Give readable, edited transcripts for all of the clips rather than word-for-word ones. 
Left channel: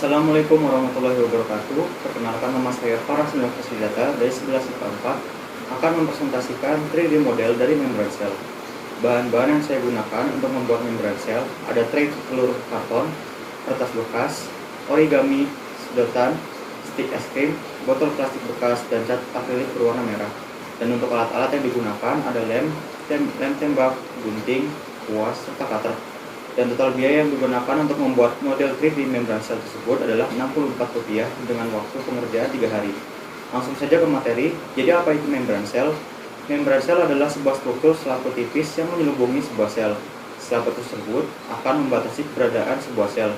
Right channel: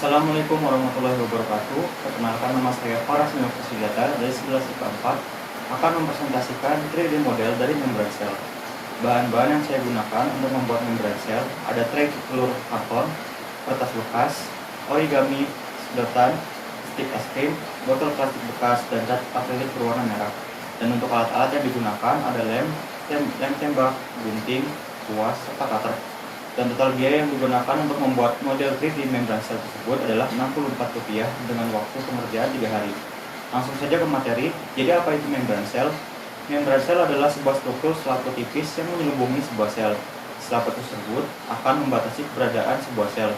Assalamualaikum warahmatullahi wabarakatuh. Perkenalkan, nama saya Faras Nurfasidata dari 11 IPA 4 akan mempresentasikan 3D model dari membran sel. Bahan-bahan yang saya gunakan untuk membuat membran sel ada tray telur karton, kertas bekas, origami, sedotan, stik es krim, botol plastik bekas, dan cat akrilik berwarna merah. Dan untuk alat-alat yang digunakan ada lem tembak, gunting, kuas, serta cutter. Dan total biaya yang digunakan untuk membuat model 3D membran sel tersebut adalah Rp64 dengan waktu pengerjaan 3 hari. Langsung saja ke materi. Jadi apa itu membran sel? Membran sel adalah sebuah struktur selaput tipis yang menyelubungi sebuah sel. Selaput tersebut akan membatasi keberadaan sebuah sel.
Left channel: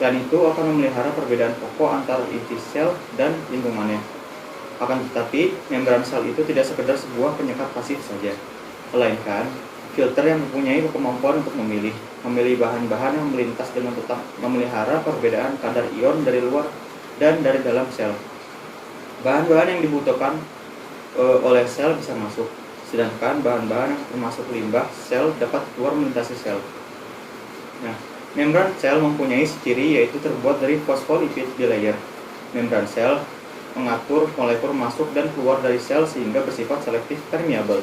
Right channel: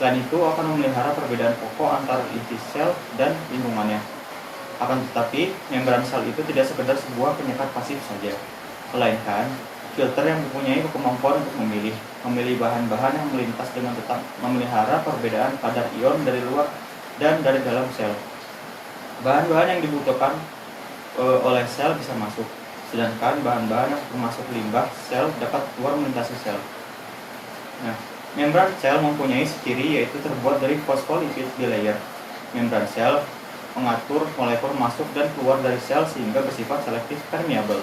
Selain itu akan memelihara perbedaan pokok antara inti sel dan lingkungannya. Akan tetapi, membran sel itu tidak sekedar sebuah penyekat pasif saja, melainkan filter yang mempunyai kemampuan untuk memilih bahan-bahan yang melintas dengan tetap memelihara perbedaan kadar ion dari luar dan dari dalam sel. Bahan-bahan yang dibutuhkan oleh sel bisa masuk, sedangkan bahan-bahan yang termasuk limbah sel dapat keluar melintasi sel. Nah, membran sel mempunyai ciri yaitu terbuat dari fosfolipid bilayer. Membran sel mengatur molekul masuk dan keluar dari sel sehingga bersifat selektif permeabel.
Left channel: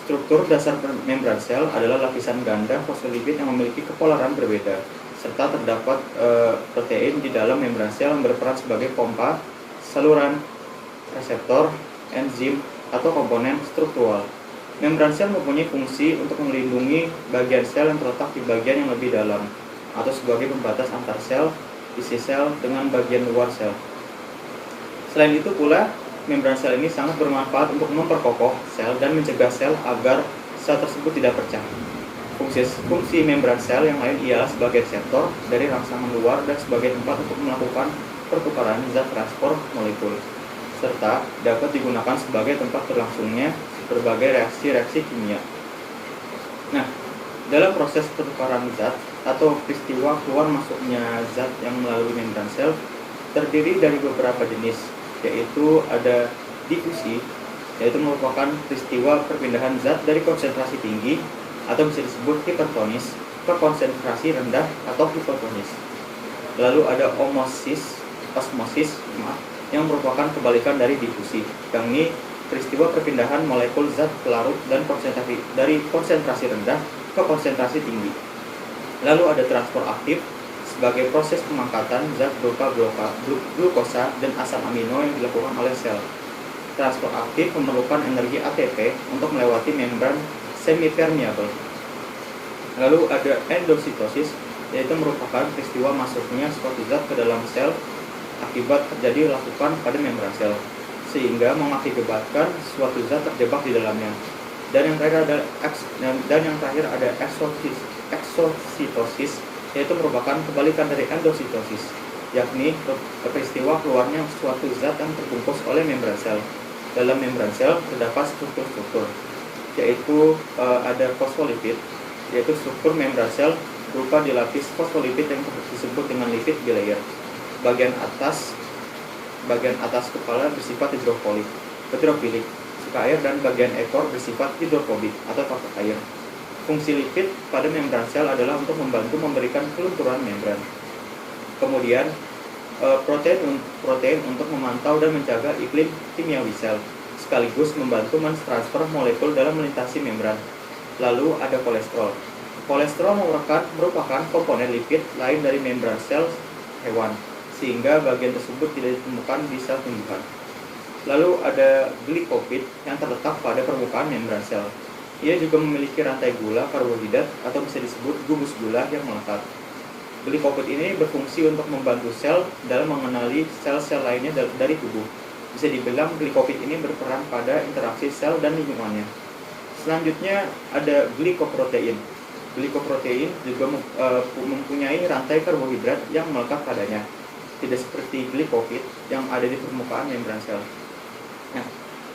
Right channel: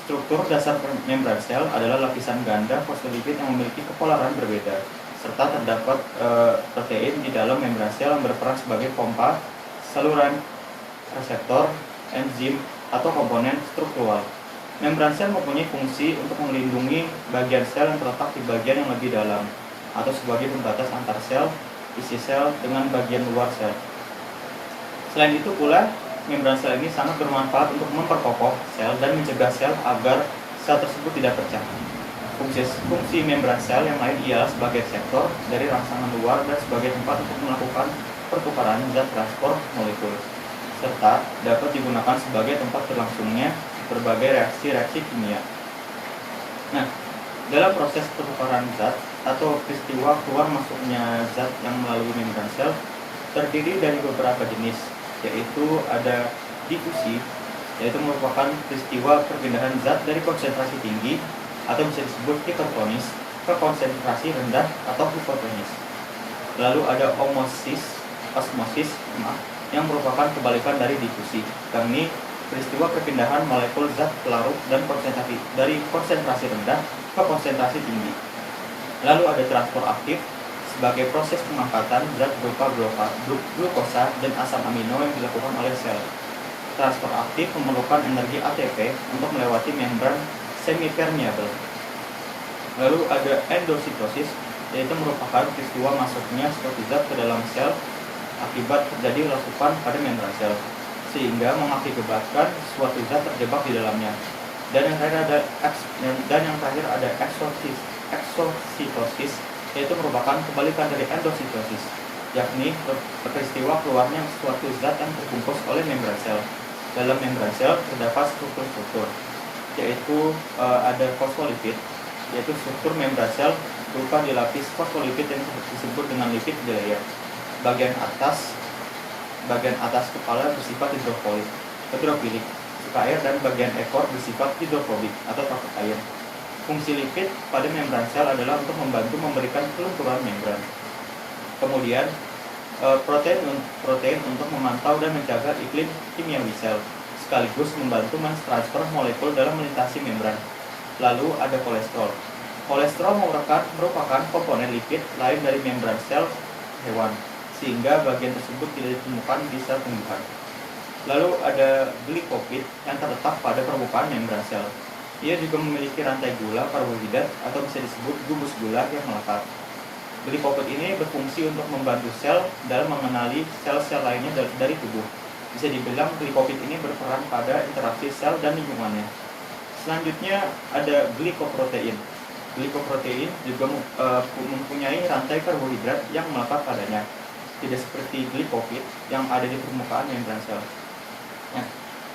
Struktur dasar membran sel adalah lapisan ganda fosfolipid yang memiliki kepolaran berbeda, serta terdapat protein di dalam membran sel yang berperan sebagai pompa, saluran, reseptor, enzim, atau komponen struktural. Membran sel mempunyai fungsi untuk melindungi bagian sel yang terletak di bagian yang lebih dalam, atau sebagai pembatas antar sel, isi sel, dengan bagian luar sel. Selain itu pula, membran sel ini sangat bermanfaat untuk memperkokoh sel dan mencegah sel agar sel tersebut tidak pecah. Fungsi membran sel yang lain ialah sebagai reseptor dari rangsangan luar dan sebagai tempat untuk melakukan pertukaran zat transport molekul, serta dapat digunakan sebagai tempat berlangsungnya berbagai reaksi-reaksi kimia. Nah, dalam proses pertukaran zat atau peristiwa keluar masuknya zat yang melalui membran sel terdiri dari beberapa jenis, yaitu ada difusi, yaitu merupakan peristiwa perpindahan zat dari konsentrasi tinggi atau bisa disebut hipertonis ke konsentrasi rendah atau hipotonis. Lalu ada osmosis yang merupakan kebalikan dari difusi, yakni peristiwa perpindahan molekul zat pelarut dan konsentrasi dari konsentrasi rendah ke konsentrasi tinggi. Lalu ada transport aktif sebagai proses pengangkatan zat berupa glukosa dan asam amino yang dilakukan oleh sel. Transport aktif memerlukan energi ATP untuk melewati membran semipermeabel. Lalu ada endositosis, yaitu merupakan peristiwa masuknya suatu zat ke dalam sel akibat terjadi rasukan pada membran sel, sehingga mengakibatkan suatu zat terjebak di dalamnya. Dan yang terakhir ada exositosis, yaitu merupakan kebalikan dari endositosis, yakni peristiwa keluarnya suatu zat yang terbungkus oleh membran sel. Dalam membran sel terdapat struktur-struktur, yaitu ada fosfolipid, yaitu struktur membran sel berupa dilapis fosfolipid yang disebut dengan lipid bilayer. Bagian atas kepala bersifat hidrofilik, suka air, dan bagian ekor bersifat hidrofobik atau takut air. Fungsi lipid pada membran sel adalah untuk membantu memberikan kelumpuran membran. Kemudian protein untuk memantau dan menjaga iklim kimiawi sel, sekaligus membantu mentransfer molekul dalam melintasi membran. Lalu ada kolesterol. Kolesterol merupakan komponen lipid lain dari membran sel hewan, sehingga bagian tersebut tidak ditemukan di sel tumbuhan. Lalu ada glikopid yang terletak pada permukaan membran sel. Ia juga memiliki rantai gula karbohidrat atau bisa disebut gugus gula yang melekat. Glikopid ini berfungsi untuk membantu sel dalam mengenali sel-sel lainnya dari tubuh. Bisa dibilang glikopid ini berperan pada interaksi sel dan lingkungannya. Selanjutnya ada glikoprotein. Glikoprotein juga mempunyai rantai karbohidrat yang melekat padanya, tidak seperti glikopid yang ada di permukaan membran sel. Nah,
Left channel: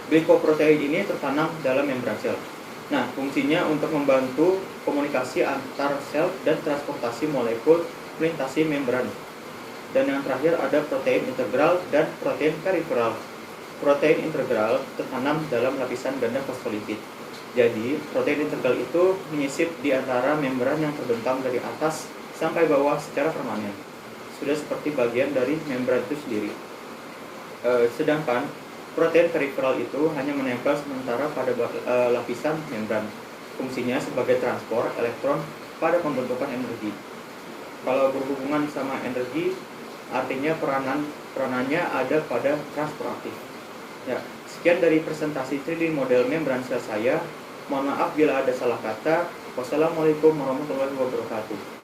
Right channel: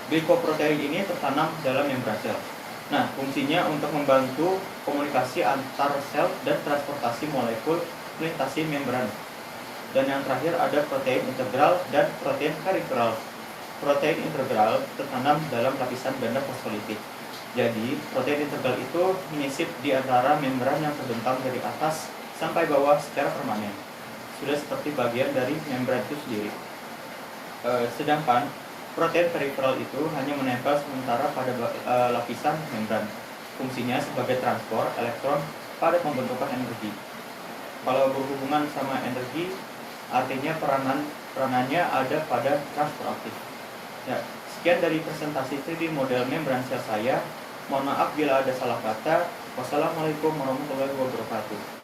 glikoprotein ini tertanam dalam membran sel. Nah, fungsinya untuk membantu komunikasi antar sel dan transportasi molekul melintasi membran. Dan yang terakhir ada protein integral dan protein periferal. Protein integral tertanam dalam lapisan ganda fosfolipid. Jadi, protein integral itu menyisip di antara membran yang terbentang dari atas sampai bawah secara permanen. sudah seperti bagian dari membran itu sendiri. Sedangkan protein periferal itu hanya menempel sementara pada lapisan membran. Fungsinya sebagai transport elektron pada pembentukan energi. Kalau berhubungan sama energi, artinya peranannya ada pada transport aktif. Ya, sekian dari presentasi 3D model membran sel saya. Mohon maaf bila ada salah kata. Wassalamualaikum warahmatullahi wabarakatuh.